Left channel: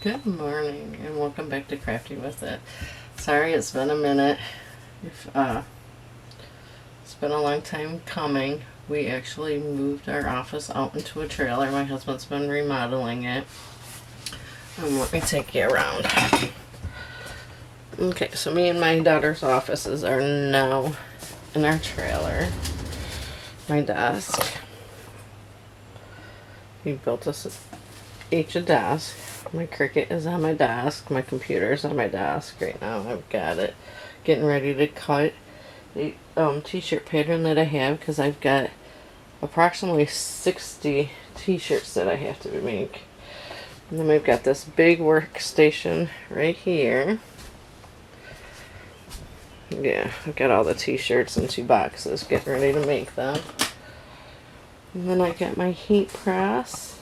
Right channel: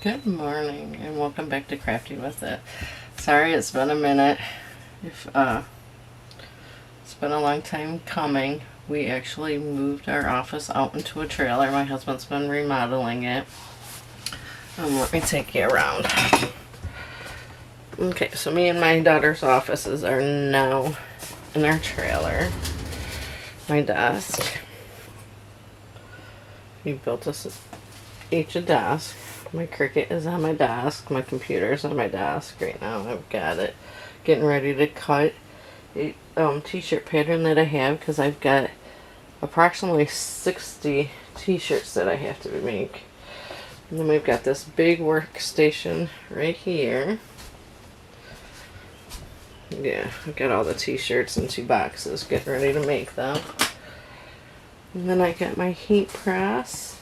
Good morning and welcome back to Crafty with It. Sorry it's been a minute. If It's been a long time coming. We actually moved our office out into a trailer. My husband's been remodeling it. Let me take you around. Okay, so me and my daughter's offices are now in our trailer. My desk. He built us each a desk. My Cricut is on my desk. My computer's on my desk right now. I've got it getting ready to cut a t-shirt pattern that I have because I've got approximately 60 t-shirts that I have to make. And then we've got this big workstation right here. Yeah, I've got all the t-shirts in 2 boxes getting ready to make them. And then I got my heat press.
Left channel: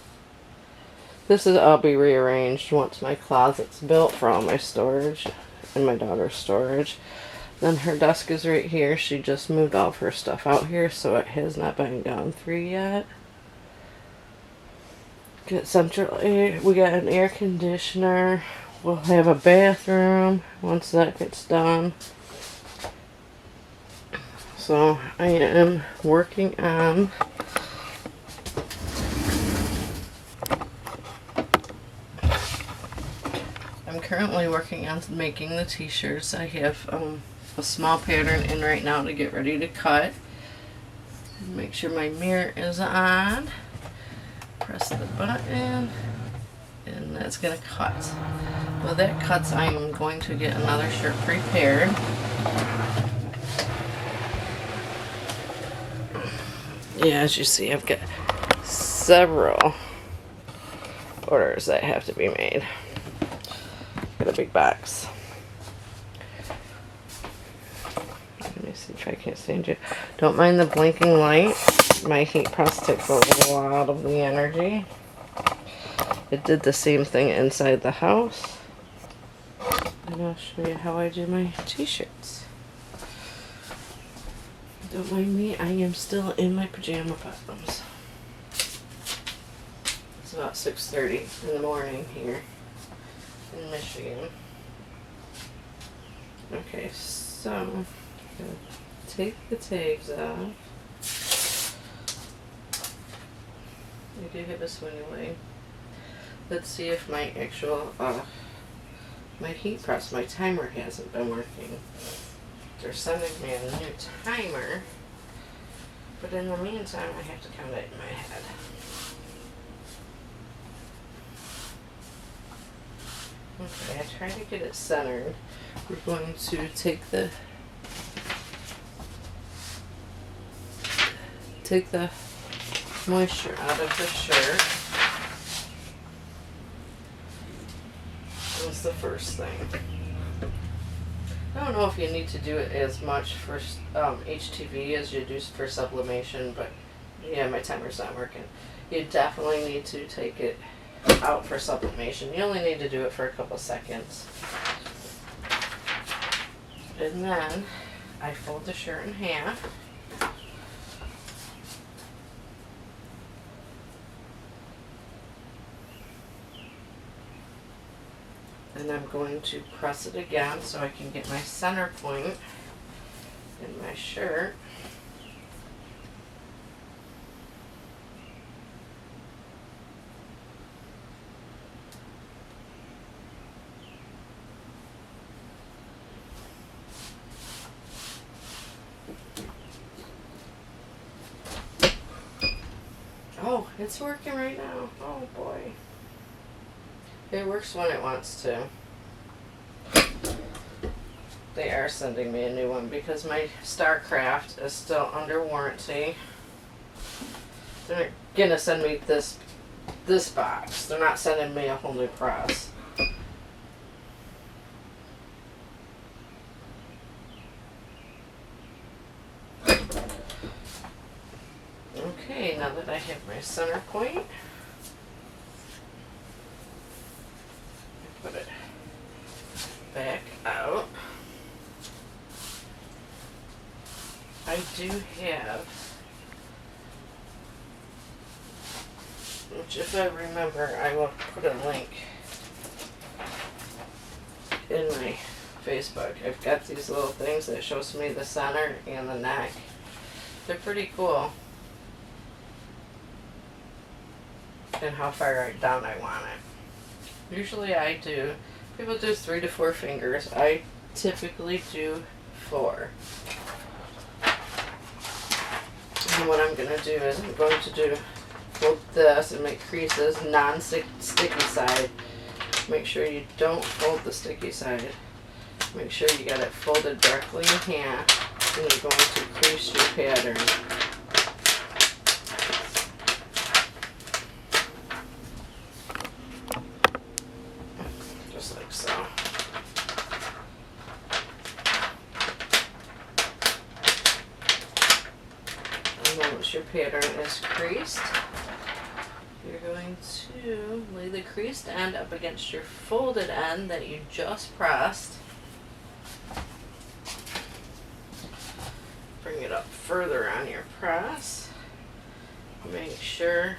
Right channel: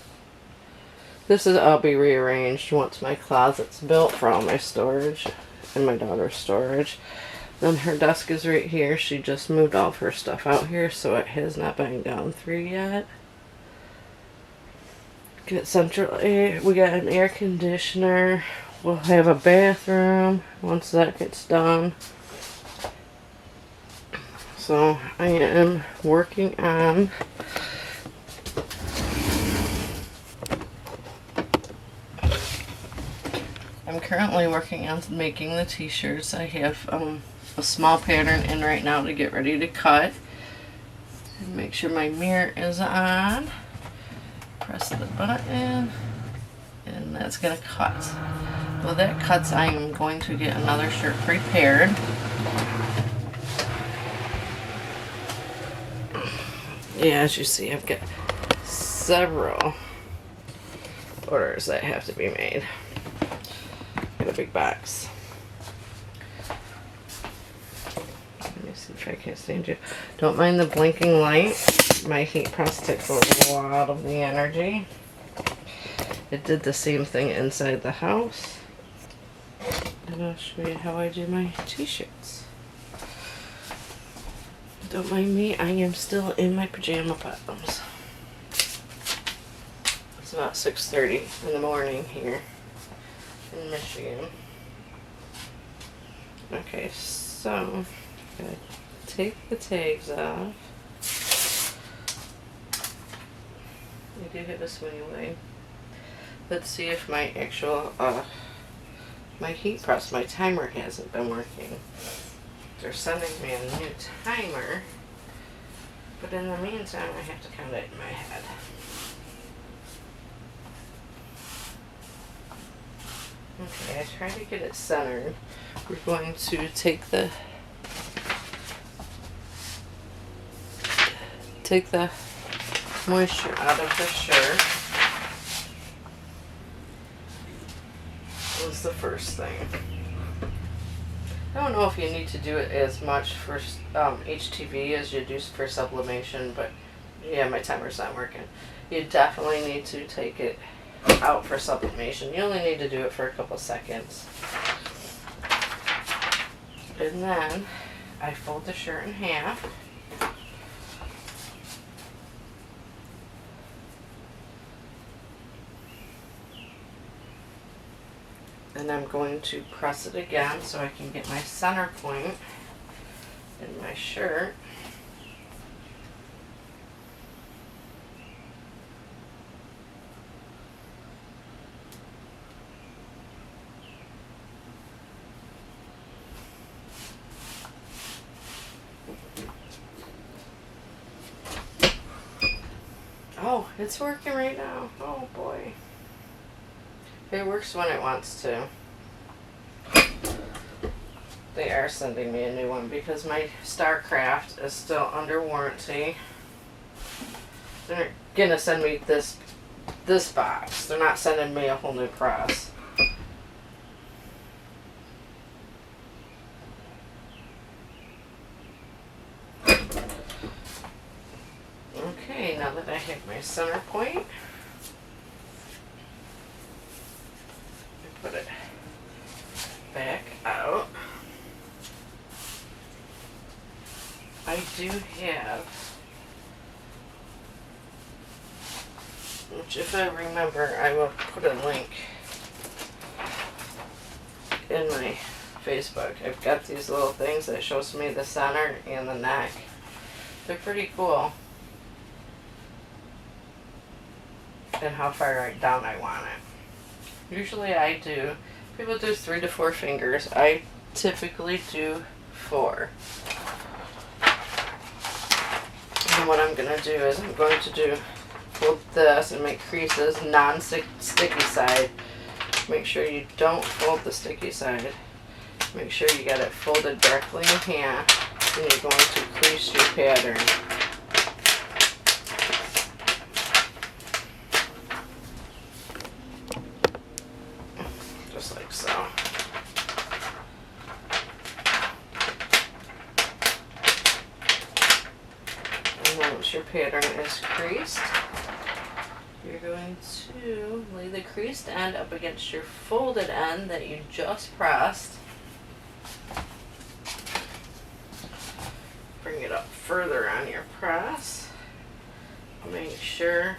This is all be rearranged once my closet's built for all my storage and my daughter's storage. Then her desk is right here. She just moved all of her stuff out here, so it has not been gone through yet. Get central air. We got an air conditioner. We'll have a bathroom once that gets done. So I am working on I'm currently working on making the t-shirts. I have a small pattern in right now to get ready to cut. And make sure my mirror is on. Press the button and that's going to cut. Well, that cuts, I am going to get another shirt prepared. Yeah, as you see, I've got several orders that have to be made. Got a big box. Let me see if I can stand you. Don't mind the blinking light. My heat press takes a lot of the energy. It did the same thing inside the house. And I'll show you how I do my t-shirts. Don't mind me, I am still in my pajama bottoms. It's about 6:30 in the morning here in Michigan. Okay, so gotta take the tags off. I do have a swing away. Let's see if my actual my heat press, my timer hasn't been working. They're sending me a new timer, but in the meantime I have to count it in my head. Okay, I try to get it centered. We're going to take the moisture out of the shirt. That was the first thing. I don't know if you need to do it as much for HTV as you do for sublimation, but yeah, my timer's not working. You definitely need to take it out for sublimation. You only need to do it for a couple seconds. And then I fold the shirt in half. And I'm going to press it again so I can get my center point in my shirt. Oh, it's working right now. Oh boy. It works when it wants to. They are sending me a new one because my StarCraft is still under warranty. They're gonna send me this box. They're not sending me a whole new press. Okay, now that I have my center point, put it back out. I do have, which if I remember, I will put a link in my Facebook. I've got these little things that shows me the center and the neck. They're pretty cool. And how far down I want it. Usually I do, people do 3 to 4 fingers. I typically do 4. And what I'm going to do is I'm going to fold this and make creases, non-sticky side. Make sure you don't fold the sticky side. Make sure you got it folded directly in half, and you're going to crease your pattern. Just like so. And then once your pattern is creased, you're going to lay the creased end up against your folded end that you just pressed. Bring it up further on your press. Make sure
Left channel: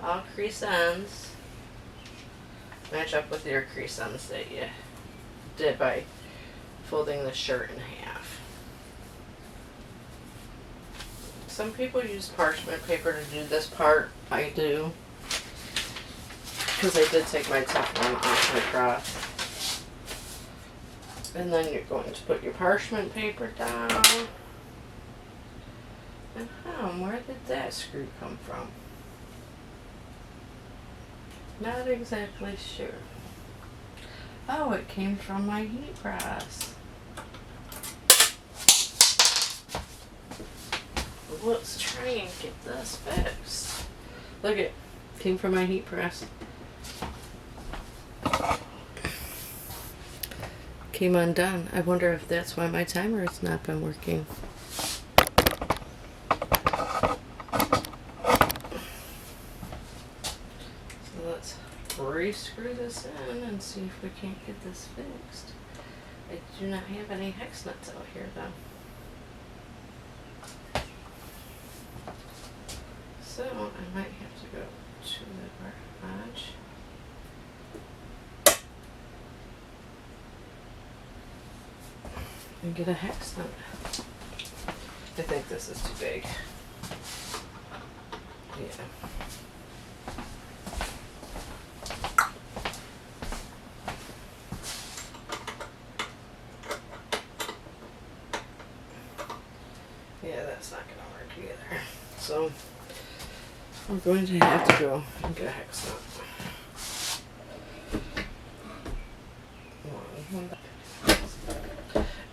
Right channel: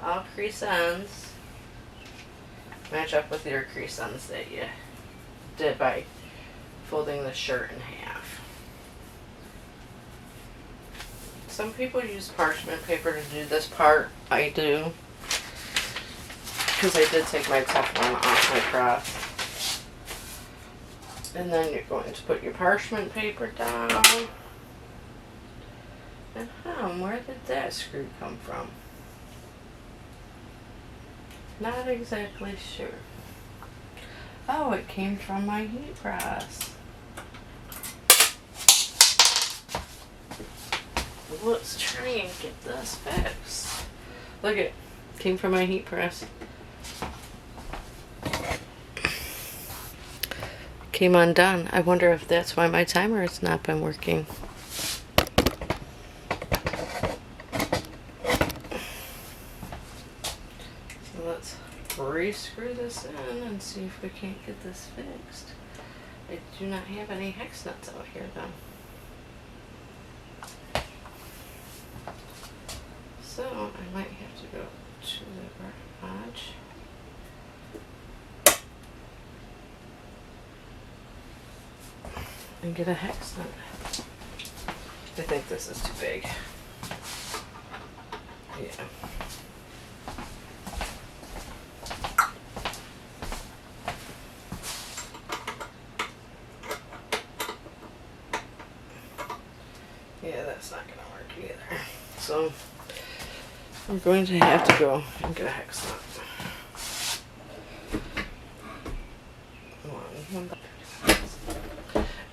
all crease ends match up with your crease ends that you did by folding the shirt in half. Some people use parchment paper to do this part. I do, because I did take my Teflon off my press. And then you're going to put your parchment paper down. And where did that screw come from? Not exactly sure. Oh, it came from my heat press. Let's try and get this fixed. Look, it came from my heat press. Came undone. I wonder if that's why my timer has not been working. So let's re-screw this in and see if we can't get this fixed. I do not have any hex nuts out here though. So I might have to go to the garage. And get a hex nut. I think this is too big. Yeah. Yeah, that's not gonna work either. So I'm going to have to go and get a hex nut.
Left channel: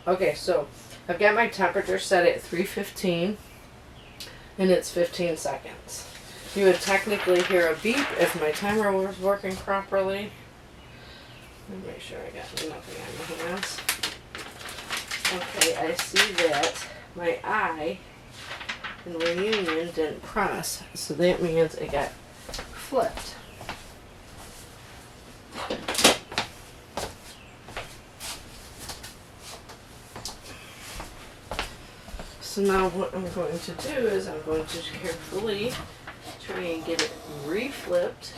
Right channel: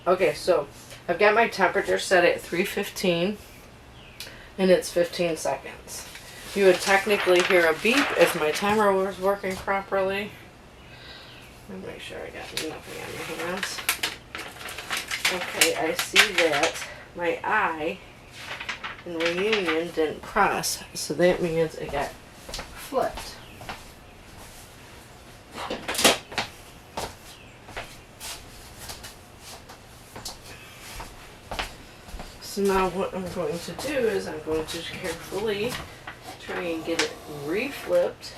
Okay, so I've got my temperature set at 315 and it's 15 seconds. You would technically hear a beep if my timer was working properly. Let me make sure I got nothing on my hands. Okay, I see that my eye in reunion didn't press, so that means it got flipped. So now what I'm going to do is I'm going to carefully try and get it re-flipped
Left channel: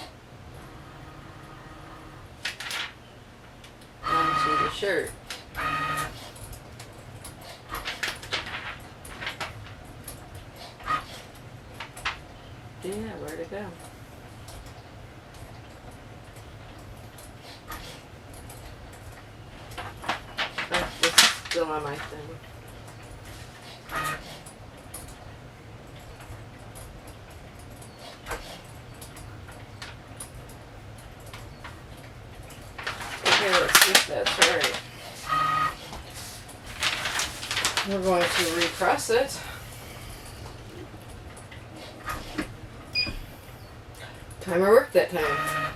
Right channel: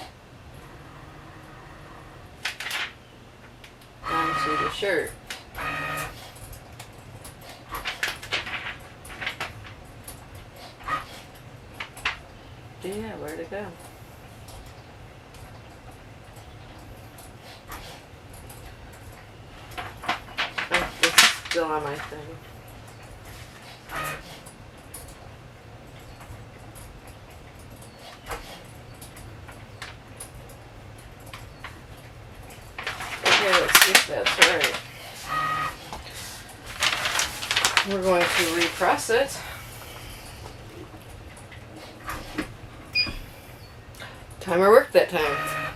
onto the shirt. Yeah, where'd it go? Oh, it's still on my thing. Okay, let's see if that's right. We're going to repress it. Timer worked that time.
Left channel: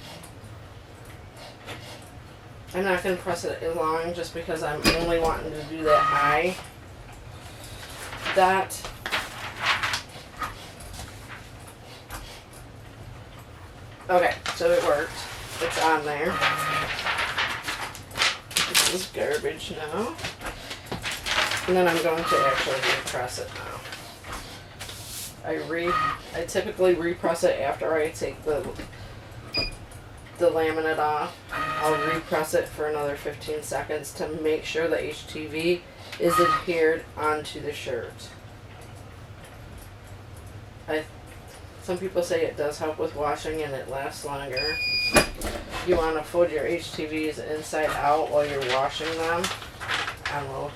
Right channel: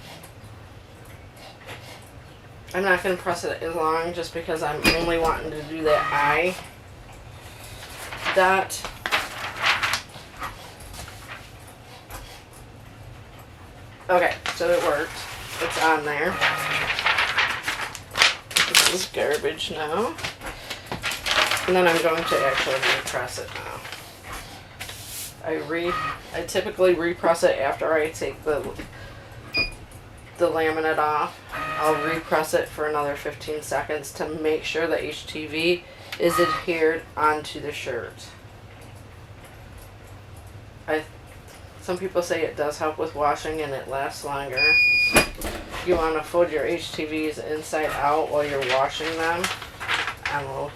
I'm not going to press it as long just because I'm only wanting to do that eye dot. Okay, so it worked. It's on there. This is garbage now. And then I'm going to actually repress it now. I typically repress it after I take the the laminate off, I'll repress it for another 15 seconds to make sure the HTV is adhered onto the shirt. Some people say it does help with washing and it lasts longer. You want to fold your HTVs inside out while you're washing them on low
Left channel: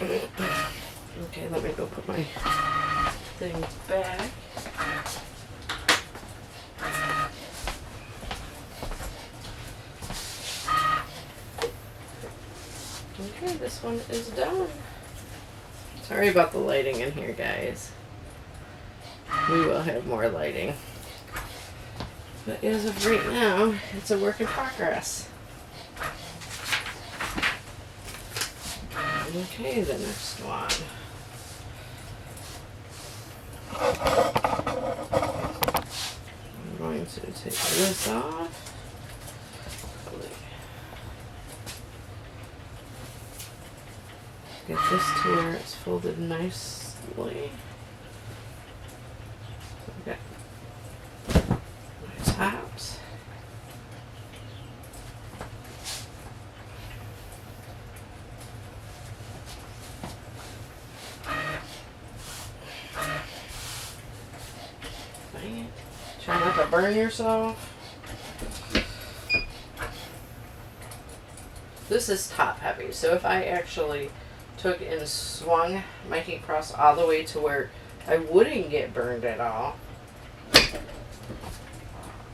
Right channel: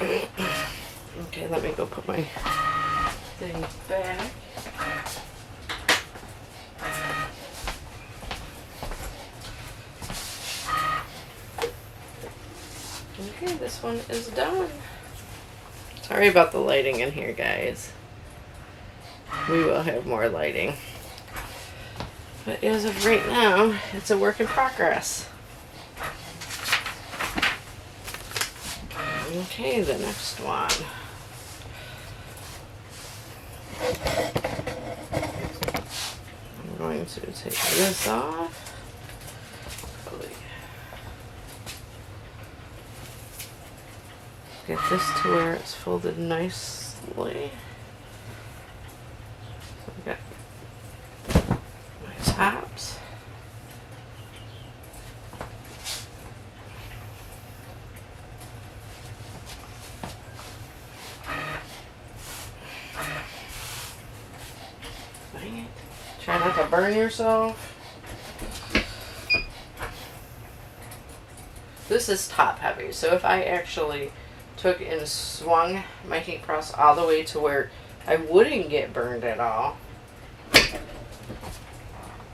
heat. Okay, let me go put my thing back. Okay, this one is done. Sorry about the lighting in here, guys. We will have more lighting. But as of right now, it's a work in progress. Okay, the next one. I'm going to take this off. Get this to where it's folded nicely. So I got my tops. Right. Try not to burn yourself. This is top heavy, so if I actually took and swung my heat press all the way to where I wouldn't get burned at all,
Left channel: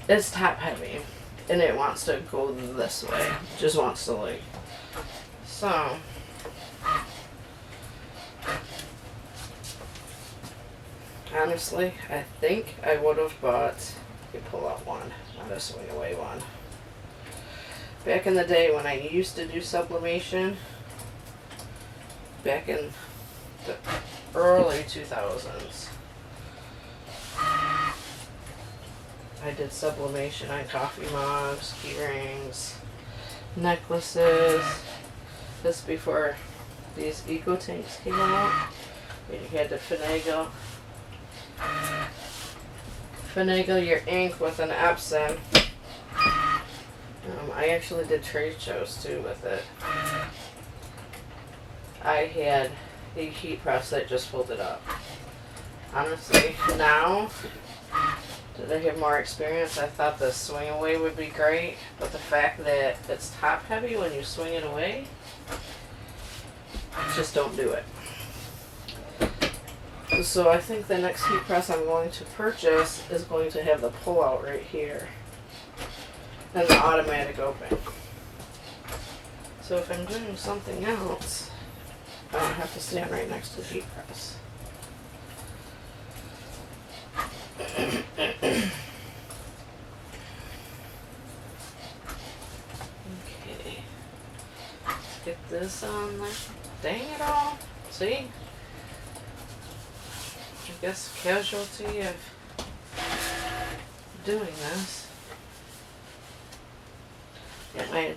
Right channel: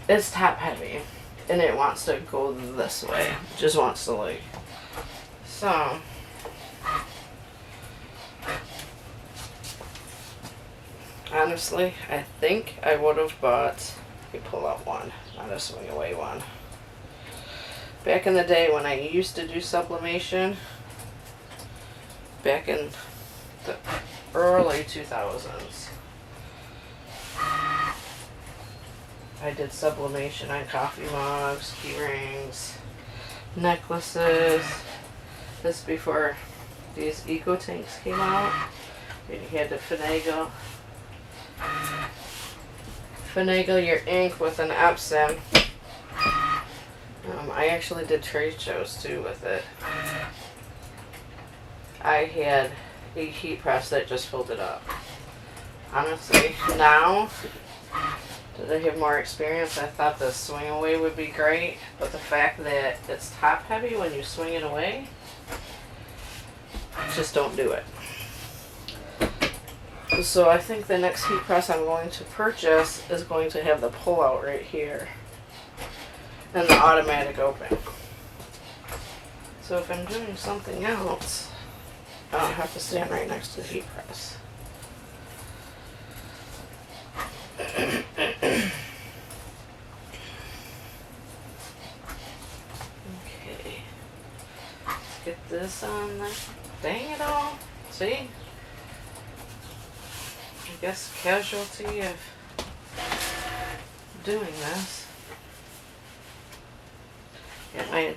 it's top heavy and it wants to go this way. It just wants to like, so honestly I think I would have bought a pull-out one, not a swing away one. Back in the day when I used to do sublimation, back in the early 2000s, I did sublimation on coffee mugs, key rings, necklaces. This before these eco tanks came out, and you had to finagle your ink with an Epsom. I actually did trade shows too with it. I had a heat press that just folded up. Honestly, now that I have more experience, I thought the swing away would be great, but the fact that it's top heavy when you swing it away, just don't do it. So I think the next heat press I'm going to purchase is going to have the pull out right here and the automatic open. So if I'm doing something else, I don't have to stand right next to the heat press. Okay. Let's get this on there. Dang it all. See? I guess casualty of doing this. Get my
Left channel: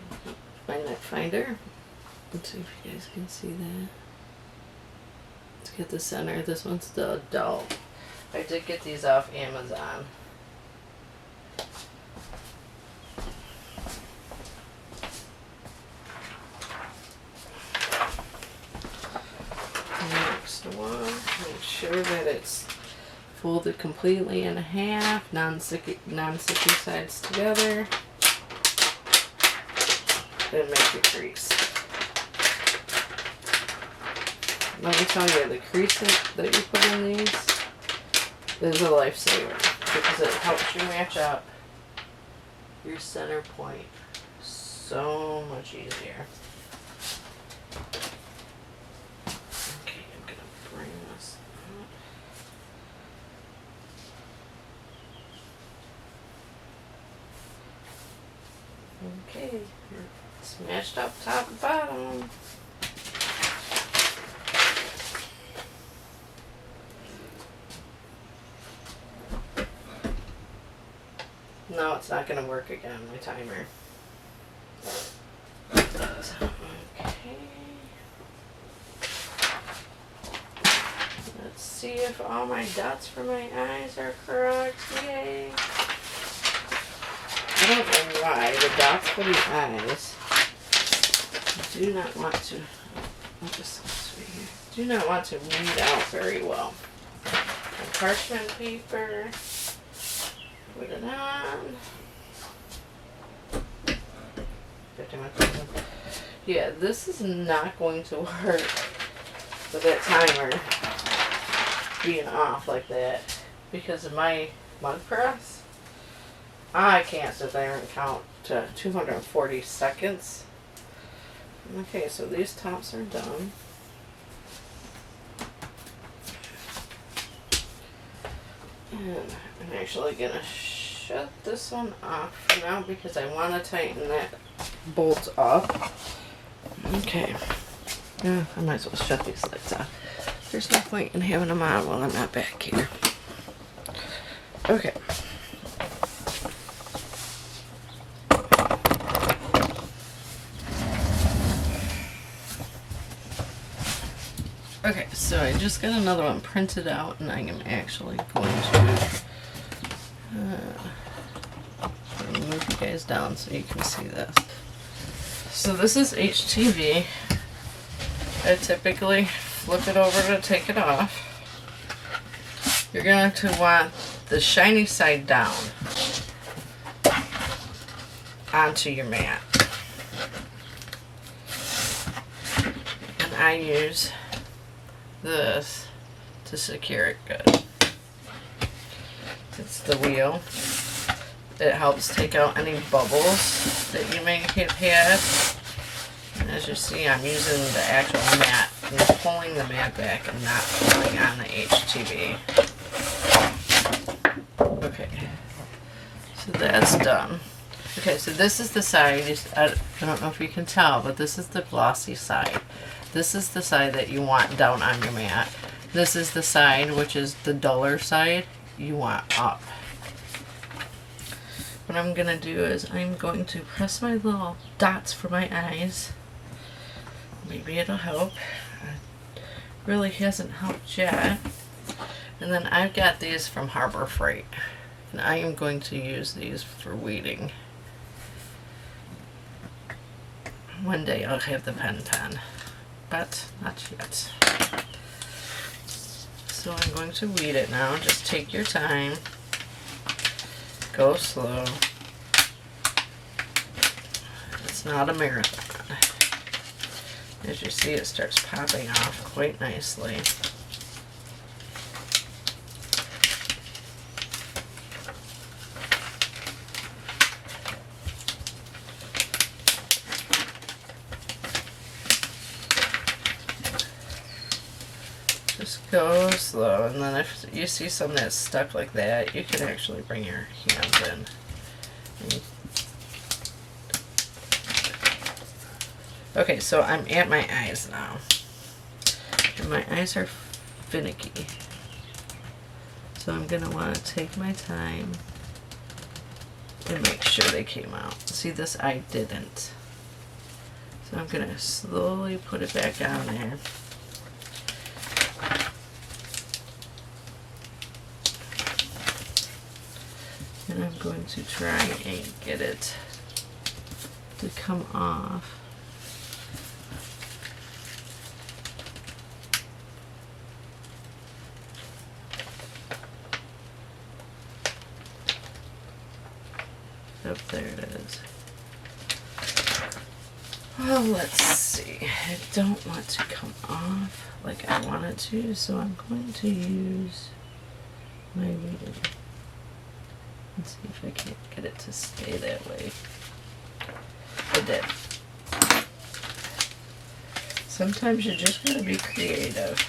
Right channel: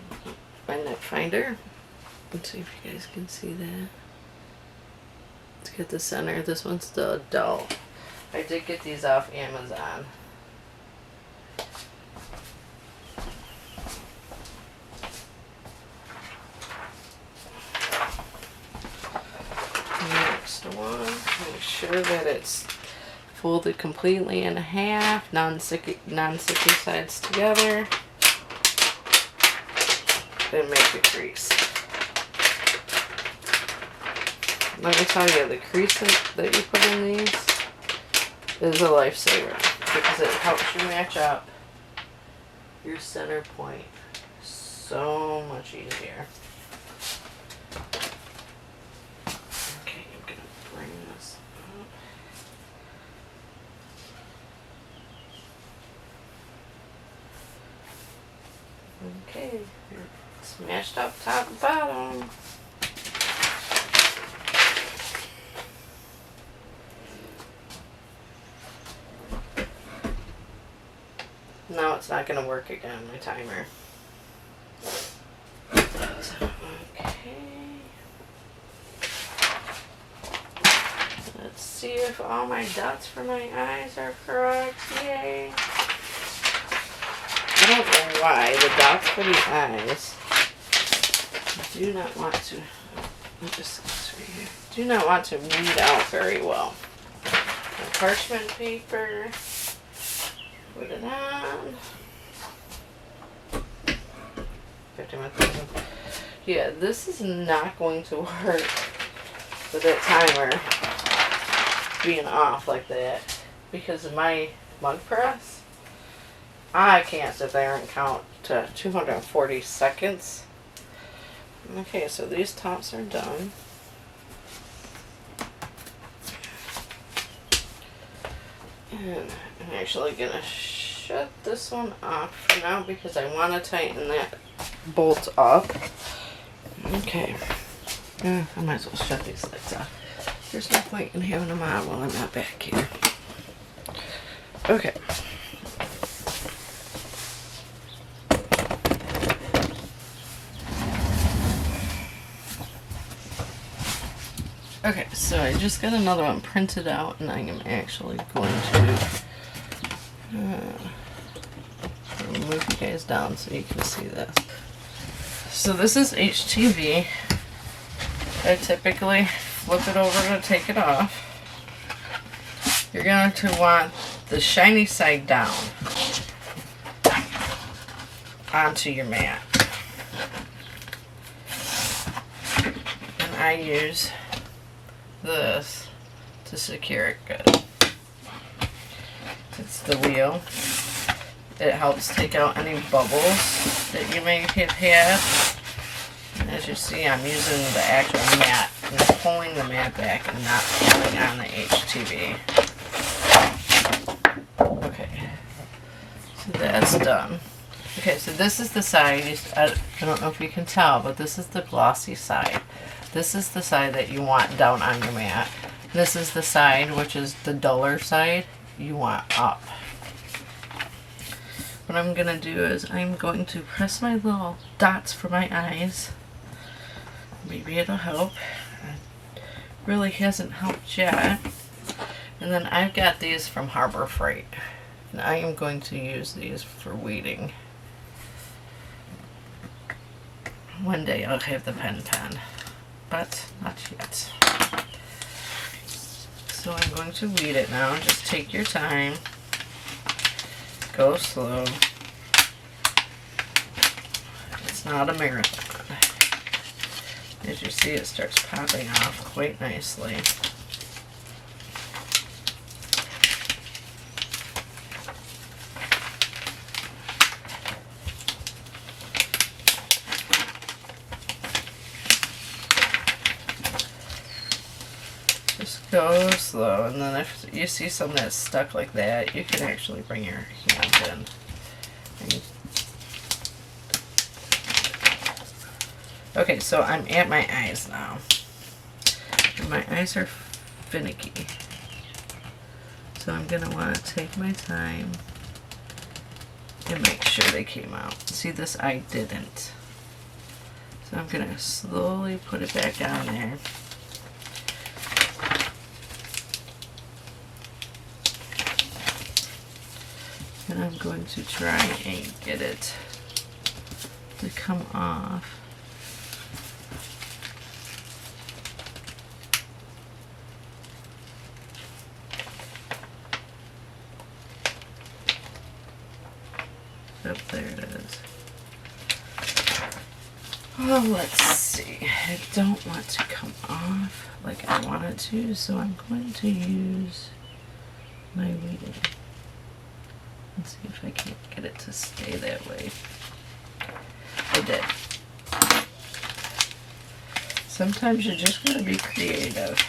net finder. Let's see if you guys can see that. Let's get the center. This one's the adult. I did get these off Amazon. Next one, make sure that it's folded completely in half, non-sticky sides together. Then make a crease. Let me tell you, the crease that you put in these is a lifesaver because it helps you match up your center point so much easier. Okay, I'm gonna bring this up. Okay, it's matched up top and bottom. No, it's not going to work again, my timer. Okay. Let's see if all my dots for my eyes are correct. Yay. I don't know why the dots for the eyes do not want to, I'll just right here, do not want to read out very well. And parchment paper, put it on. 51,000. Yeah, this is not going to work with that timer being off like that because of my mug press. I can't sit there and count to 240 seconds. Okay, so these tops are done. And I'm actually gonna shut this one off for now because I want to tighten that bolt up. Okay. Yeah, I might as well shut these lights off. There's no point in having them on while I'm not back here. Okay. Okay, so I just got another one printed out, and I am actually going to move you guys down so you can see this. So this is HTV. I typically flip it over to take it off. You're going to want the shiny side down onto your mat. And I use this to secure it good. It's the wheel. It helps take out any bubbles that you may have had. And as you see, I'm using the actual mat and pulling the mat back and not pulling on the HTV. Okay, so that's done. Okay, so this is the side, I don't know if you can tell, but this is the glossy side. This is the side that you want down on your mat. This is the side, which is the duller side, you want up. What I'm going to do is I'm going to press my little dots for my eyes. Maybe it'll help. It really hasn't helped yet. And then I've got these from Harbor Freight. And I am going to use these for weeding. One day I'll have the pen, but not yet. So I'm going to weed it now. Just take your time. Go slow. It's not a marathon. As you see, it starts popping off quite nicely. Just go slow, and then if you see something that's stuck like that, you can actually bring your hand in. And okay, so I'm at my eyes now. And my eyes are finicky. So I'm going to want to take my time and make sure they came out. See, this eye didn't. So I'm going to slowly put it back on there. And I'm going to try and get it to come off. Up there it is. Oh, let's see. I don't want to come off like I want it to, so I'm going to use my weeding. Let's see if I can't get it to stay that way. I did. Sometimes you're just going to be creative.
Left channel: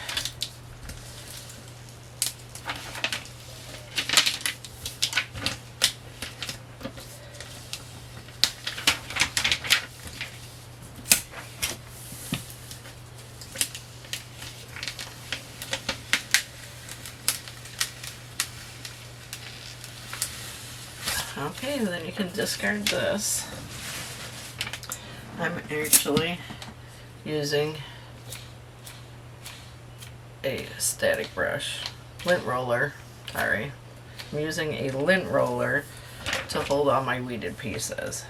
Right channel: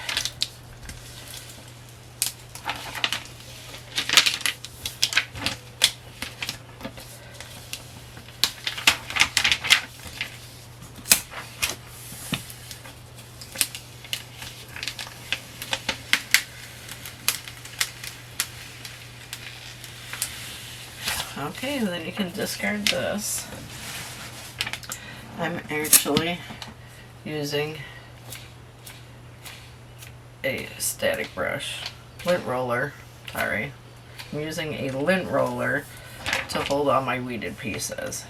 Okay, and then you can discard this. I'm actually using a static brush, lint roller, sorry. I'm using a lint roller to hold all my weeded pieces.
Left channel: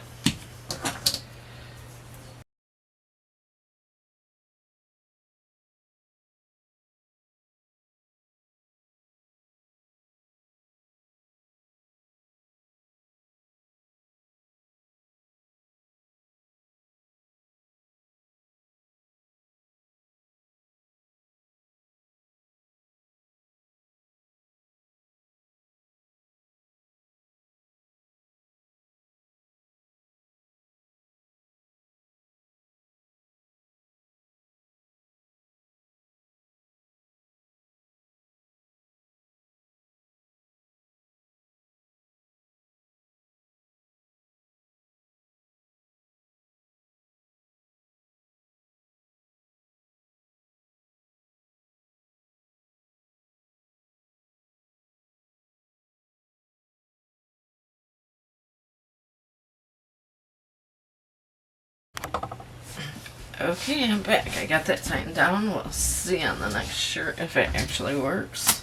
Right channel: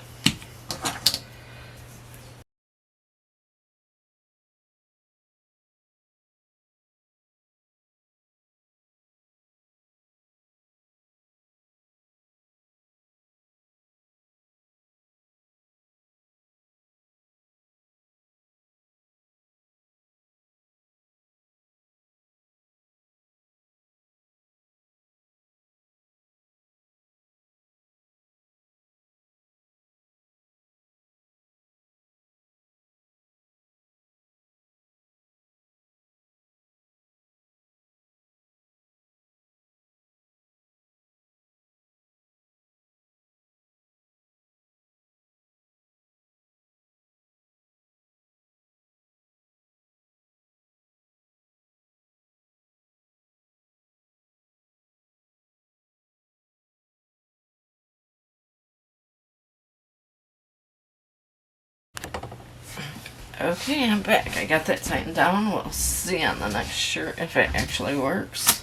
Okay, I'm back. I got that tightened down. We'll see on the next shirt if it actually works.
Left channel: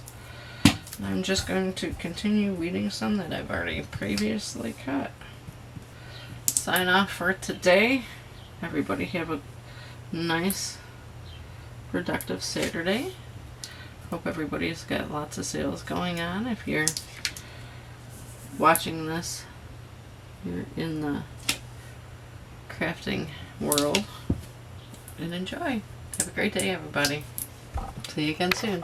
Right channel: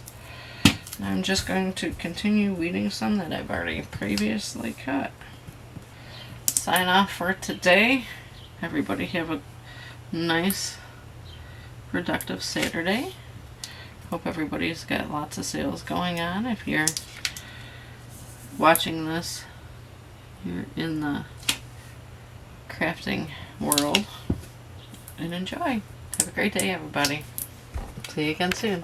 And I'm just going to continue weeding some that I've already previously cut. Sign off for today. Everybody have a nice, productive Saturday. Hope everybody's got lots of sales going on. If you're watching this, you're in the crafting world. And enjoy. Have a great day, everybody. See you again soon.